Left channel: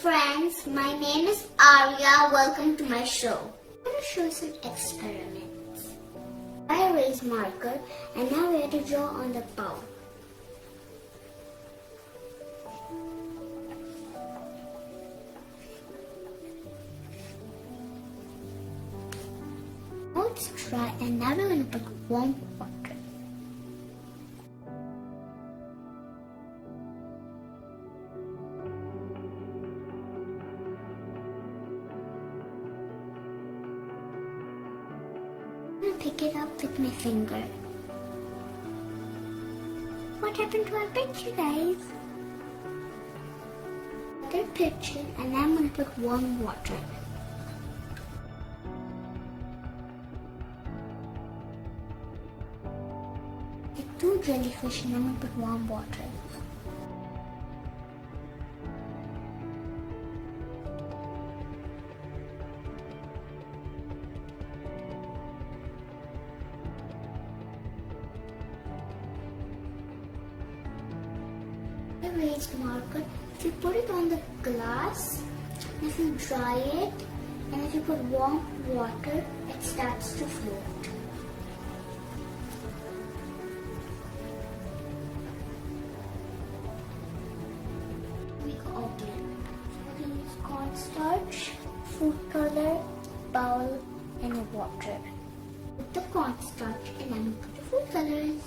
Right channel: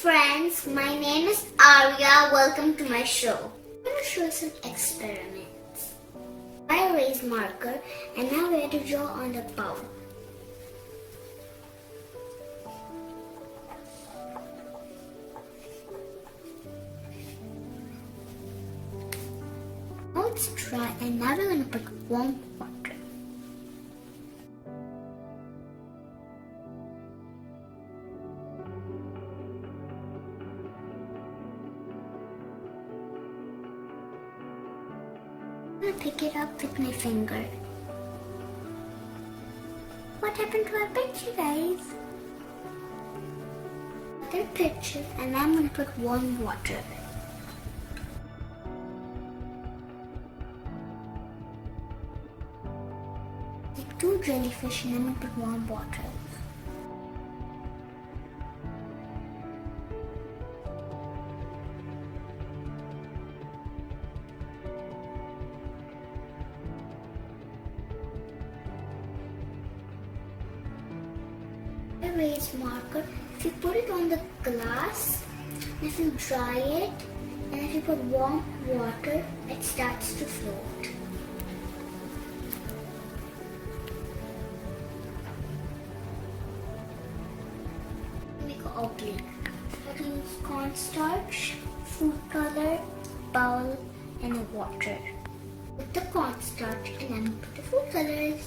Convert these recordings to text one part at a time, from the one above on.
friends, my name is Arya. Welcome to my show. I'm going to show you some experiments. I erase marker and now we have to draw on the bowl. Now it's dry and now we're going to put warm water. I'm going to pick it up with my finger. What happened to our picture, guys? Another picture, and I'm going to put warm water. Take 2 jellyfish and I'm going to put warm water. Erase marker. If you put it on the glass, and if you dry it, and if you put warm water, it starts to float. Make an oobleck. I can use cornstarch, food color, bowl, and a water. Put the cornstarch, and then put the food colors.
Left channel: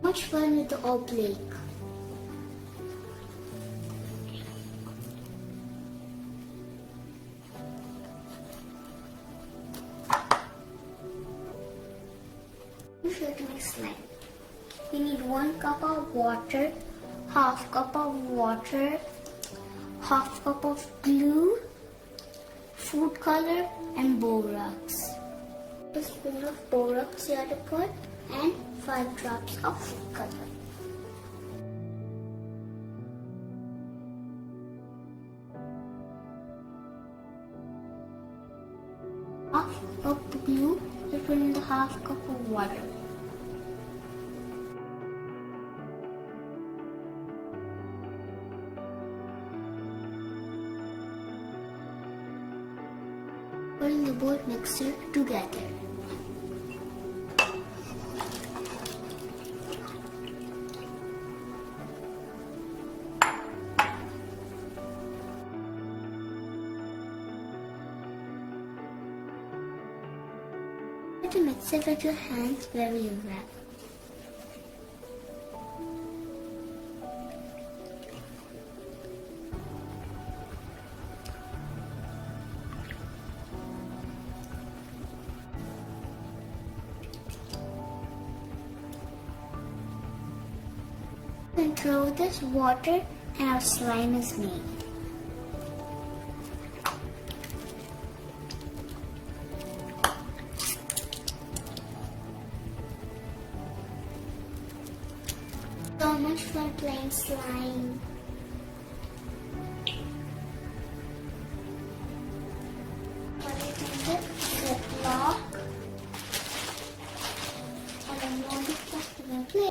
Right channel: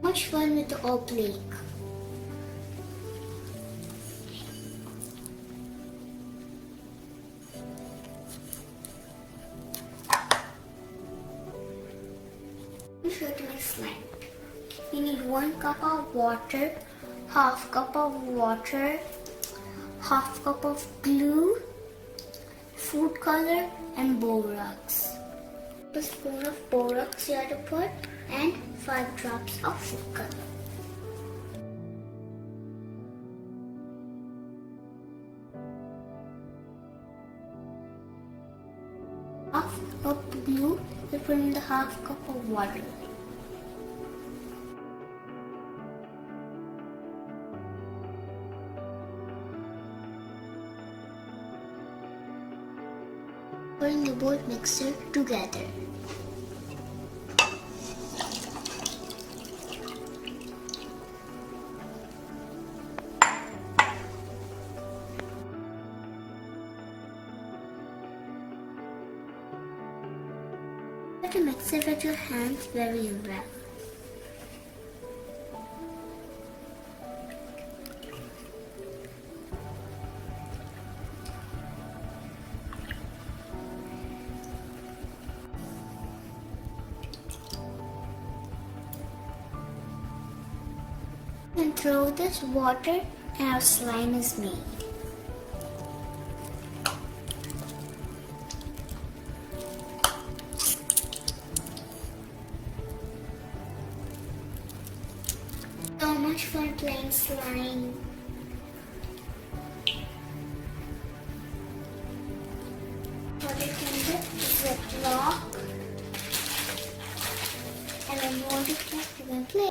Much fun with the oobleck. I'm sure to make slime. You need 1 cup of water, half cup of water, half cup of glue, food color, and borax. A spoon of borax you have to put, and 5 drops of food color. Half cup of glue, you put in the half cup of water. Putting the both mixture together. You have to mix it with your hands very well. And throw this water and our slime is made. So much fun playing slime. Put it in the ziplock, and then you want to play.